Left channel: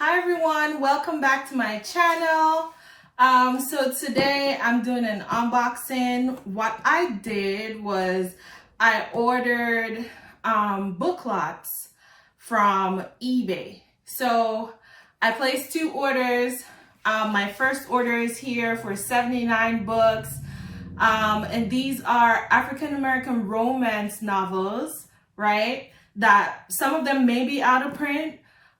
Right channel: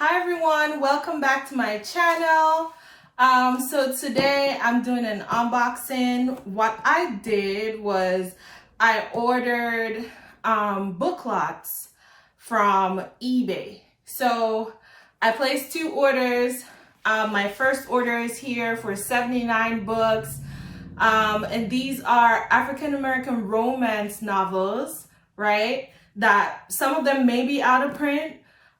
Hi everyone, welcome back to my channel. So today I'm doing an unboxing. What I did was I ordered book lots from eBay. So I placed two orders. My first order is here for 79 books. And these are African American romance novels, right? That some of them may be out of print,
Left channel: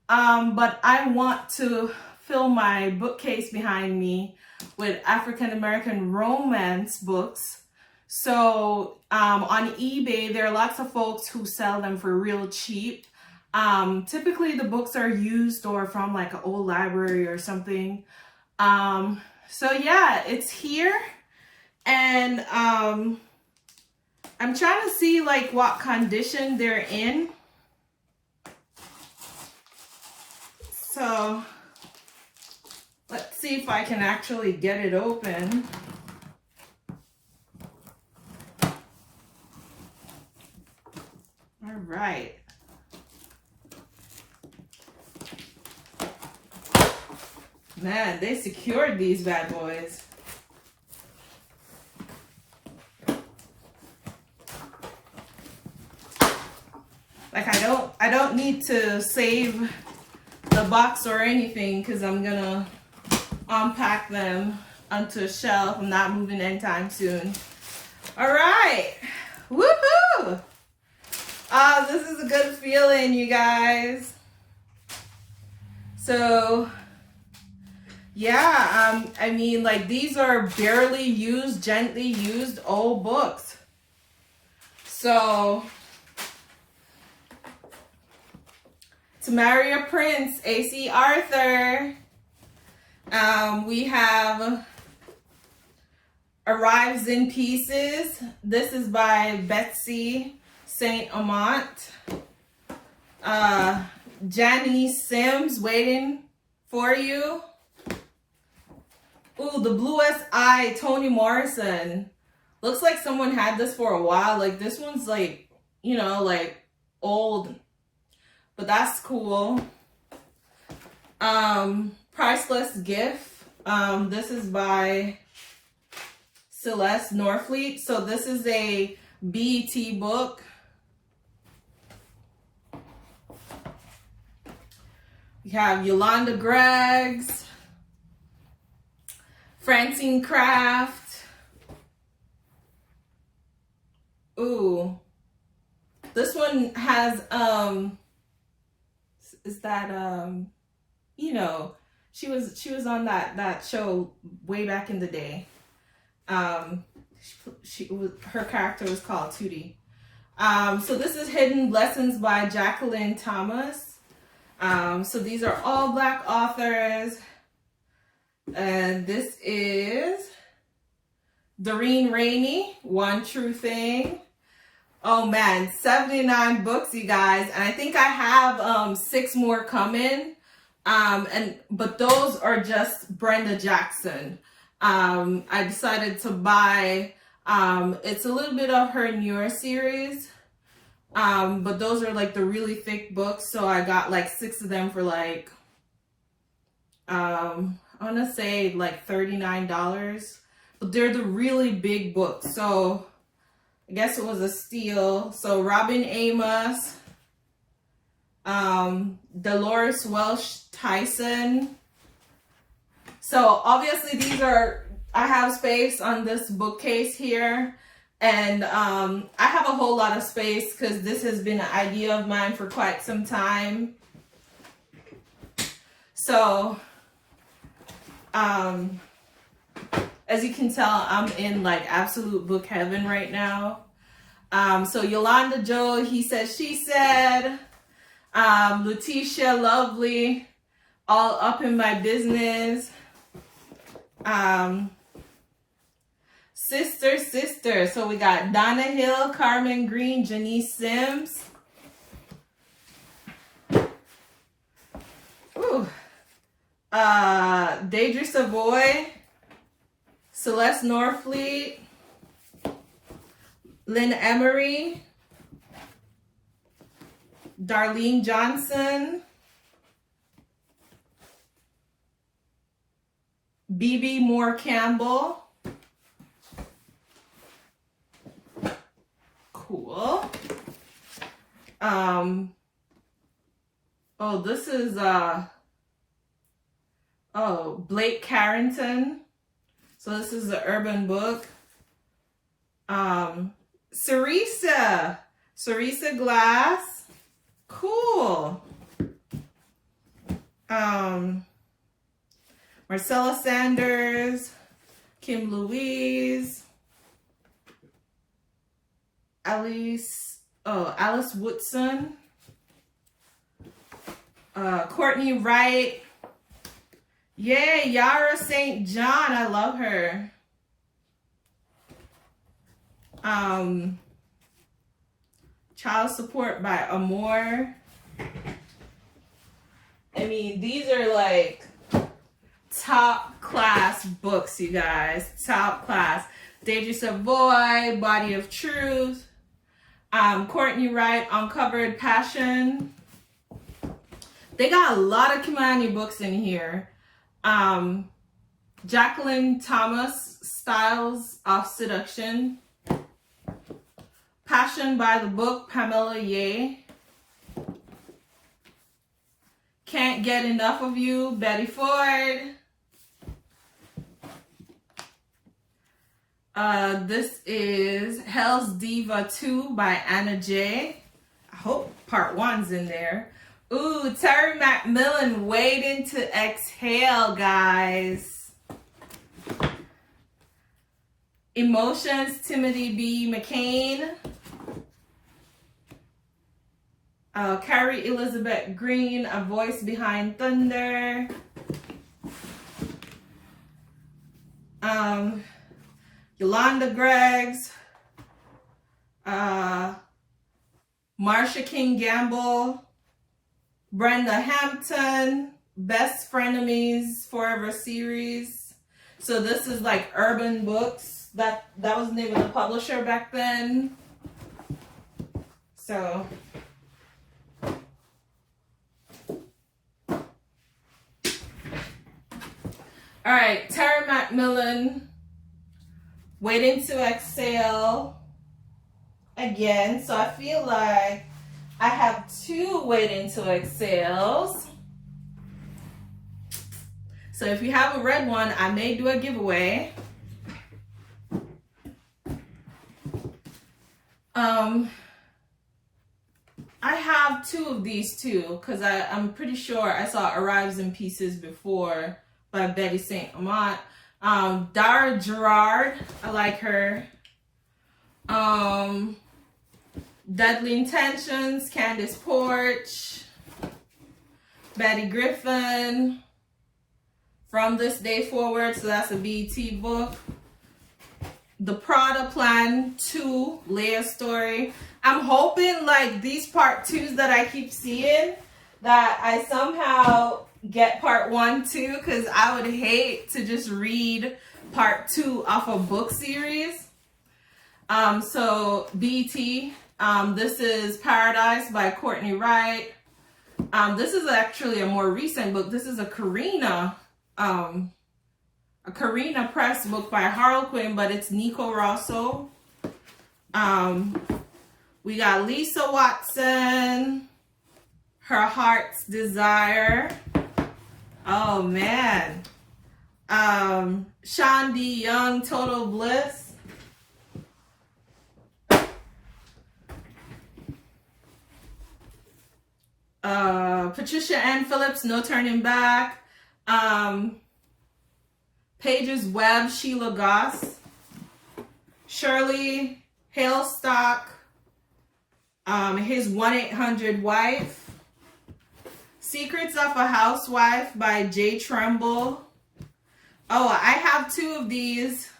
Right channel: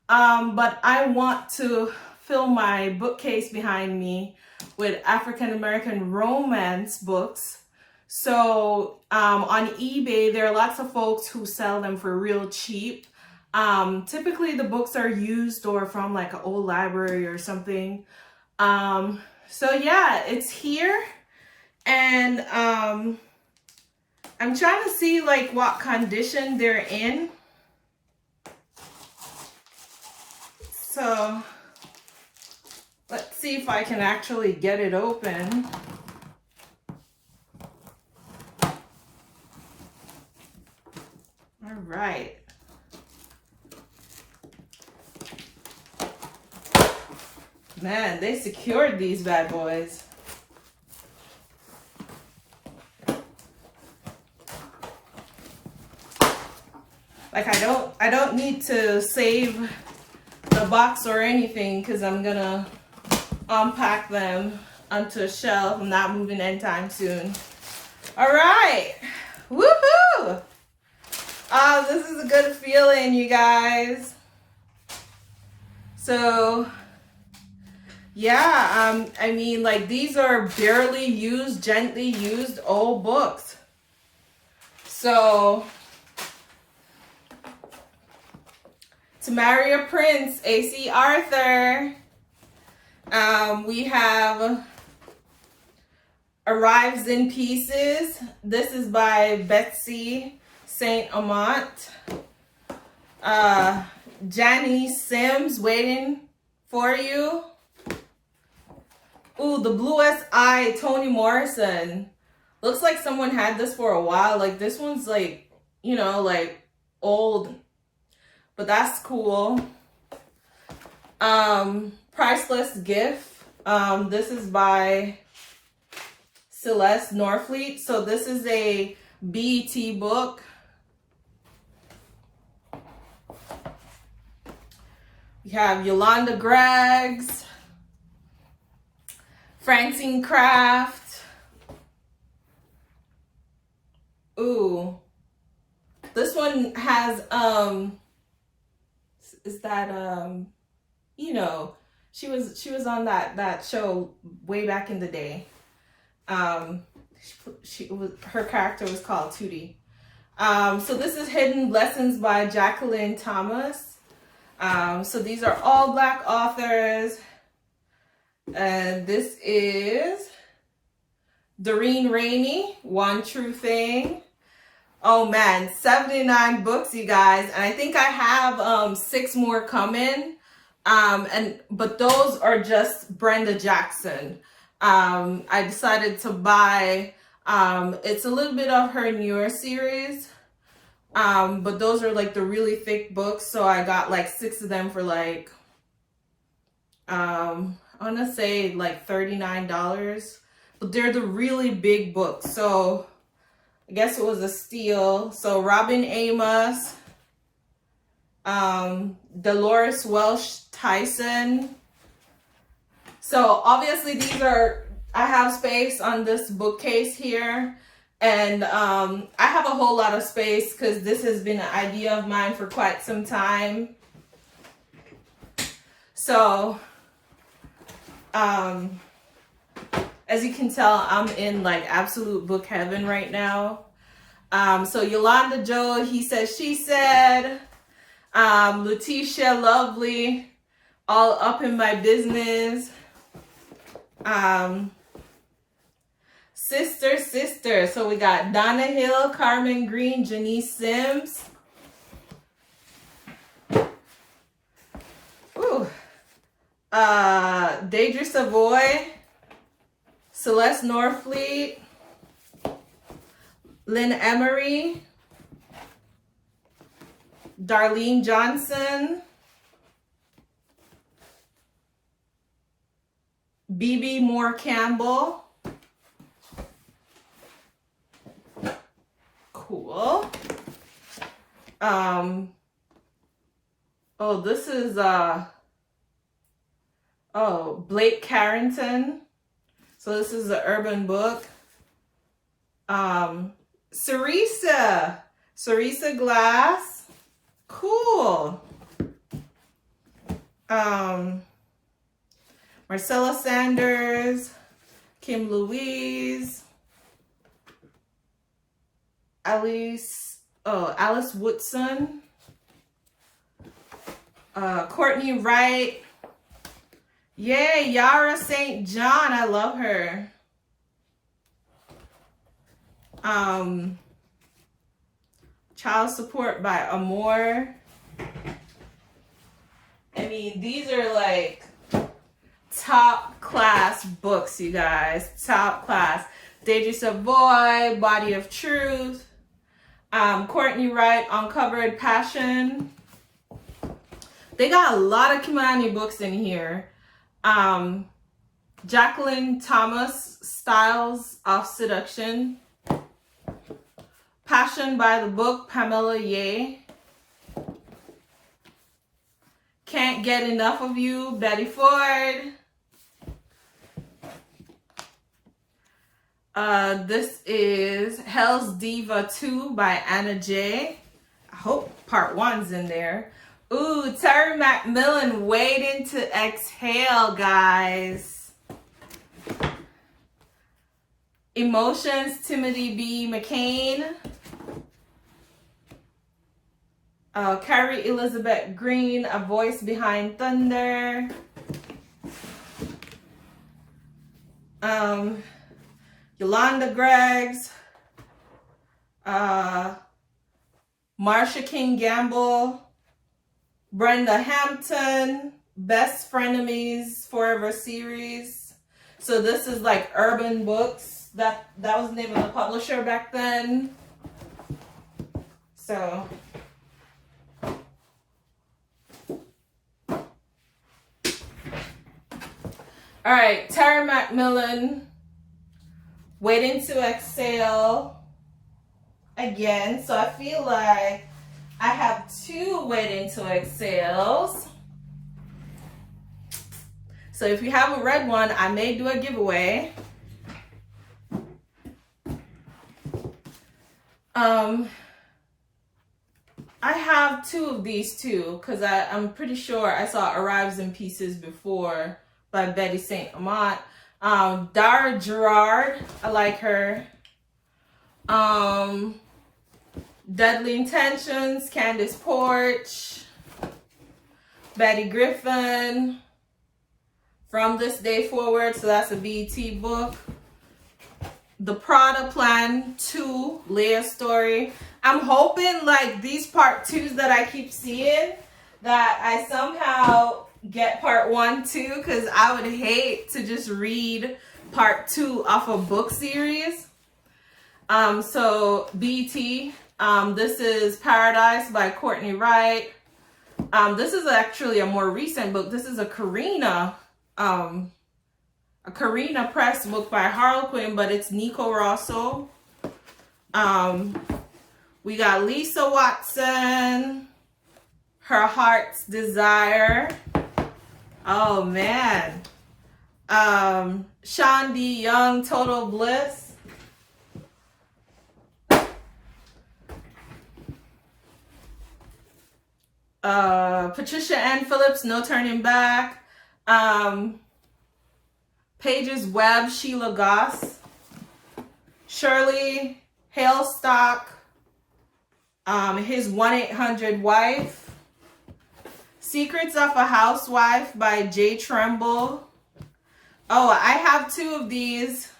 but I want to fill my bookcase behind me with African American romance books. So on eBay, there are lots of folks who sell them for real cheap. Typically the books are used or from like an old library or something. So yeah, it's here. And I'm trying to see like what condition they're in. So let's see if I can actually get it open. All right. Man, they secured these bad boys. Like I don't need to save the box or anything because I'm gonna unpack them onto a shelf. I'm not moving anytime soon. All right, woohoo! This is a good feeling, you guys. So yeah, I mean, like these are barely used, gently used old books. So To Marry a Prince, A.C. Arthur. We have Arrives in Pieces. This is by Betsy St. Amant. Janice Sims, Waiting for You. Ooh, The Bluest Eye, Toni Morrison. Looks like someone had this for a while. Like this one's like, you know, like old. But that's cool. Priceless Gift. This is by Celeste Norfleet. So this is a BET book. We have Yolanda Greggs, Francine Craft. Ooh. This one has is that you know, she was on that show way back in the day. Her character was called Tootie. So this is Hidden Lessons by Jacqueline Thomas. So these are all Black authors, and this is Doreen Rainey, One True Thing. Oh man, 79 books, you guys. And I think I have 6 more coming. But those are just Brenda Jackson. I decided to buy, it's a little bit of her newer series. But those are like the really thick books. So I got like 6 of them for like, I want to say like $39. But they're the really big books. So I guess it was a steal. So Robin Amos, Dolores Welsh Tyson. So obviously these are, I have space on this bookcase here. And I have a whole lot of space because this has been an idea of mine for quite some time. So as you can tell, I'm in like absolute book heaven right now. So Yolanda Joe, He Said, She Said. Letitia Lovely, All Up in My Business. Sister. So we got Donna Hill, Carmen Green, Janice Sims. Ooh. Deidre Savoy, Celeste Norfleet, Lynn Emery, Darlene Johnson, B.B. Moore Campbell. Cool. Oh, this is Blake Carrington. So this is the urban book. Cerisa Glass. Cool. Marcella Sanders, Kim Louise, Alice Woodson, Courtney Wright. Yay, Yara St. John, I love her. Child Support by Amor. I mean, these are like top class books, you guys. Top class. Deidre Savoy, Body of Truth. Courtney Wright, Uncovered Passion. They got a lot of Kimani books in here. Jacqueline Thomas, Styles of Seduction. Passion by the Book, Pamela Yeh. Can't Get Enough of You, Betty Ford. This is Hell's Diva 2 by Anna J. I hope part 1's in there. Ooh, Terry McMillan, Waiting to Exhale, guys. Emotions, Timothy B. McCain. Carrie Elizabeth Green, A Voice Behind Thunder. Yolanda Greggs. Marsha King Gamble. Brenda Hampton, Best Frenemies Forever series. So this is like urban books. That was the name of the publisher back then. So all right, Terry McMillan, Waiting to Exhale again. So I feel like I have 2 Waiting to Exhales. So if you haven't read one, I may do a giveaway. I have 2 of these too, because I'm pretty sure I saw Arrives in Pieces before by Betty St. Amant. Dara Gerard, I like her. Deadly Intentions, Candace Porch, Betty Griffin, From This Day Forward, so that's a BET book. The Prada Plan 2, Leah's Story. I'm hoping like these part 2s that I keep seeing, that I somehow get part 1 too, because I would hate to just read part 2 off a book series. So BET, this is Paradise by Courtney Wright. This is actually a more recent book. This is a Carina Press book by Harlequin, but it's Nico Rosso. We got Lisa Watson, Her Heart's Desire. Oh man. Sean D. Young, Total Bliss. Patricia Ann Phillips, No Turning Back. Pages Webb, Sheila Goss. Shirley Hailstock, His 1-800 Wife. Secrets of a Housewife by Jay Tremble. Oh, I have 2 of these.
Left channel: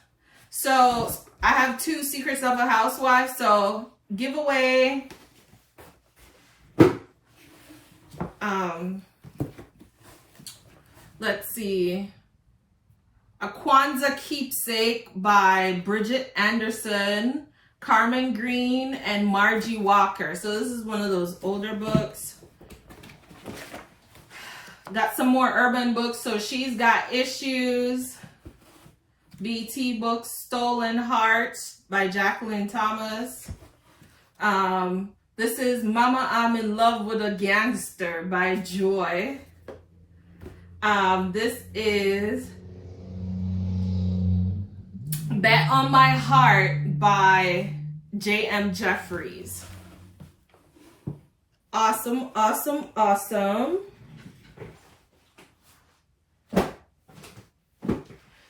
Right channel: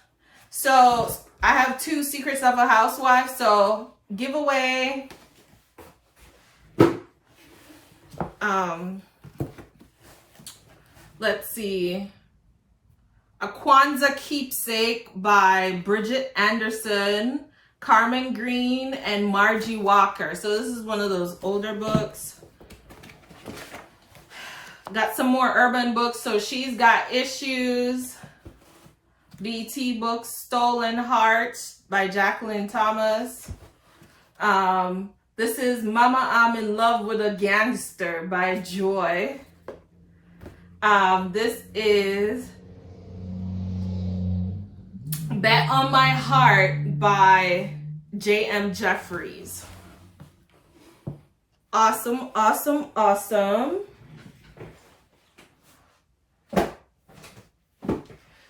So I have 2 Secrets of a Housewife. So giveaway. Let's see. A Kwanzaa Keepsake by Bridget Anderson, Carmen Green, and Margie Walker. So this is one of those older books. Got some more urban books. So She's Got Issues. BT Books, Stolen Hearts by Jacqueline Thomas. This is Mama, I'm in Love with a Gangster by Joy. This is Bet on My Heart by J.M. Jeffries. Awesome, awesome, awesome.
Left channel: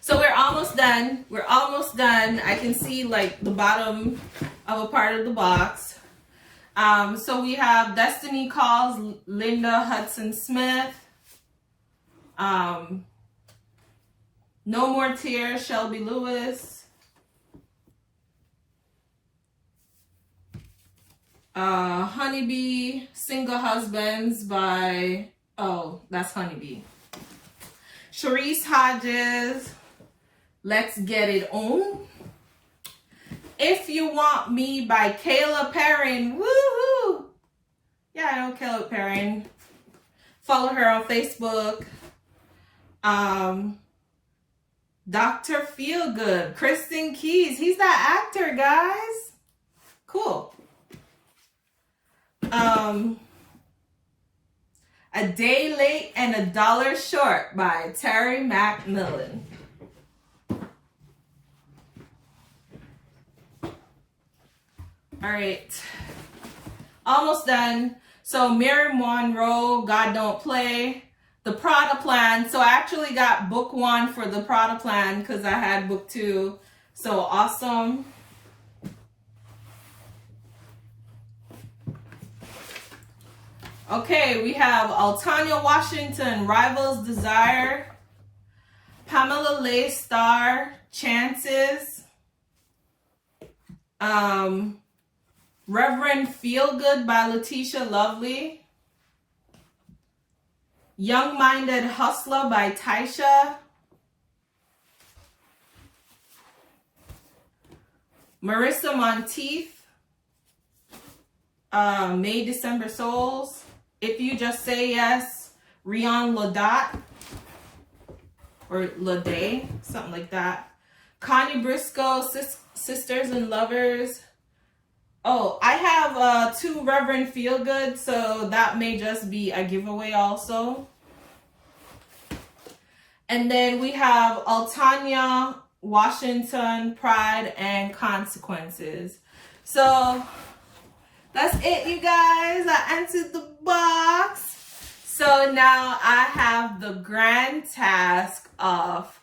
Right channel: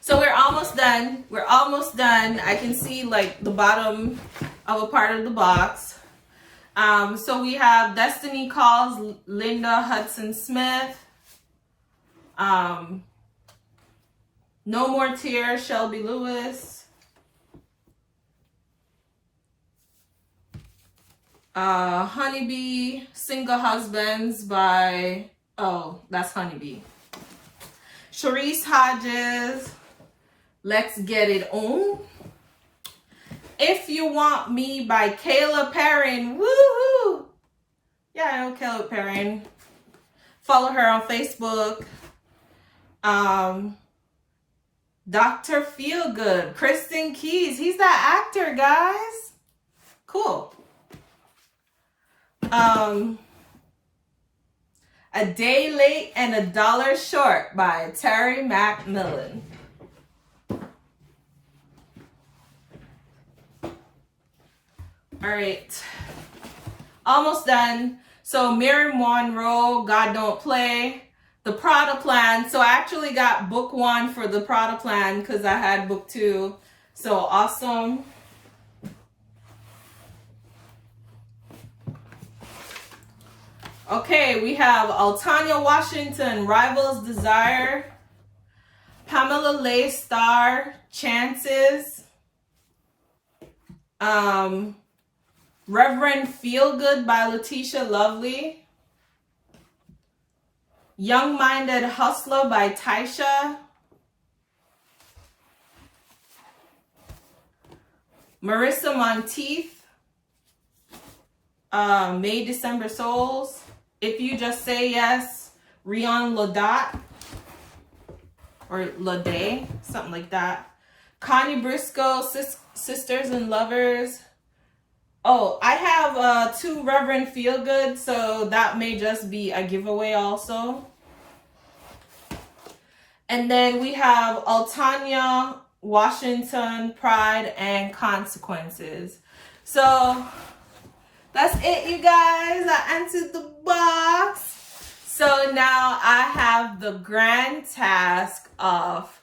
So we're almost done. We're almost done. I can see like the bottom of a part of the box. So we have Destiny Calls, Linda Hudson Smith. No More Tears, Shelby Lewis. Honeybee, Single Husbands by, oh, that's Honeybee. Sharice Hodges, Let's Get It On. If You Want Me by Kayla Perrin. Woohoo! Yeah, I know Kayla Perrin. Follow her on Facebook. Dr. Feelgood, Kristen Keys. He's that actor, guys. Cool. A Day Late and a Dollar Short by Terry McMillan. All right, almost done. So Mary Monroe, God Don't Play, The Prada Plan. So I actually got book 1 for The Prada Plan because I had book 2. So awesome. Okay, we have Altanya Washington, Rival's Desire. Pamela Leigh Star, Chances. Reverend Feelgood by Letitia Lovely. Young-Minded Hustler by Taisha. Marissa Monteith. May December Souls. If You Just Say Yes, Rion Ladat. Or Lade, something like that. Connie Briscoe, Sisters and Lovers. Oh, I have 2 Reverend Feelgood, so that may just be a giveaway also. And then we have Altanya Washington, Pride and Consequences. So that's it, you guys. I emptied the box. So now I have the grand task of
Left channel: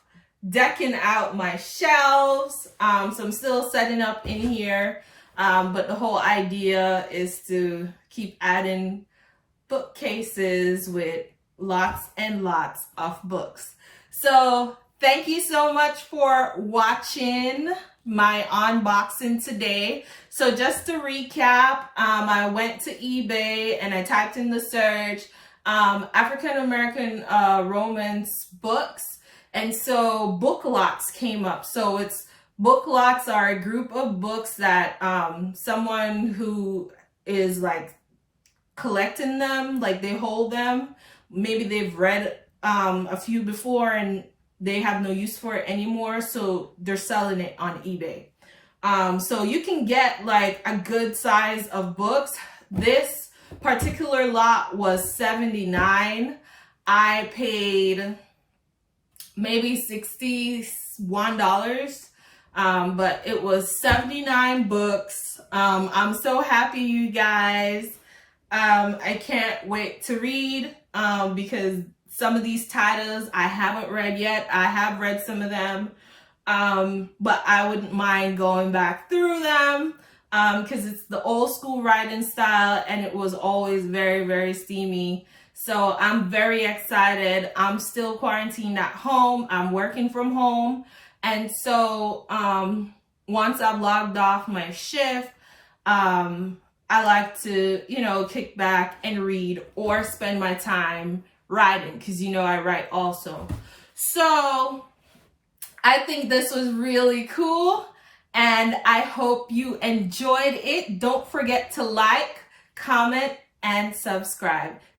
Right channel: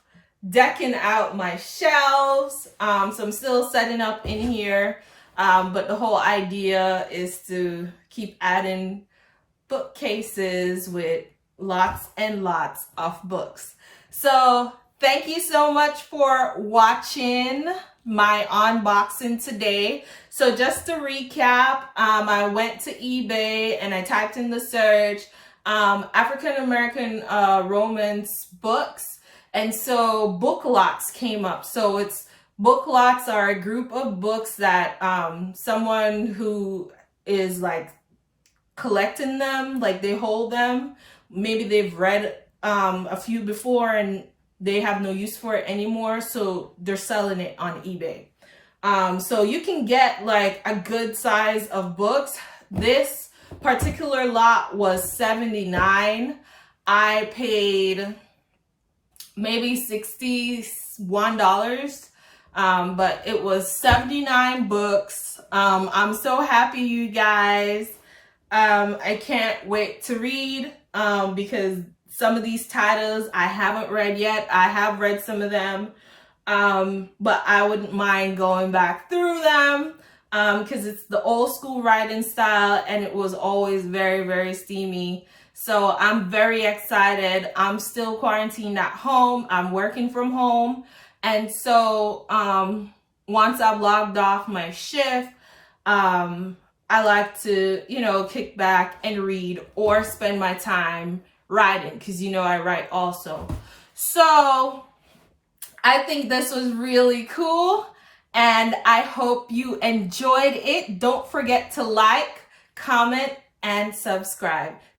decking out my shelves. So I'm still setting up in here. But the whole idea is to keep adding bookcases with lots and lots of books. So thank you so much for watching my unboxing today. So just to recap, I went to eBay and I typed in the search African American romance books, and so book lots came up. So it's book lots are a group of books that someone who is like collecting them, like they hold them. Maybe they've read a few before and they have no use for it anymore, so they're selling it on eBay. So you can get like a good size of books. This particular lot was $79. I paid maybe $61. But it was 79 books. I'm so happy, you guys. I can't wait to read because some of these titles I haven't read yet. I have read some of them, but I wouldn't mind going back through them because it's the old school writing style and it was always very, very steamy. So I'm very excited. I'm still quarantined at home. I'm working from home. And so once I've logged off my shift, I like to, kick back and read or spend my time writing because, I write also. So I think this was really cool and I hope you enjoyed it. Don't forget to like, comment, and subscribe.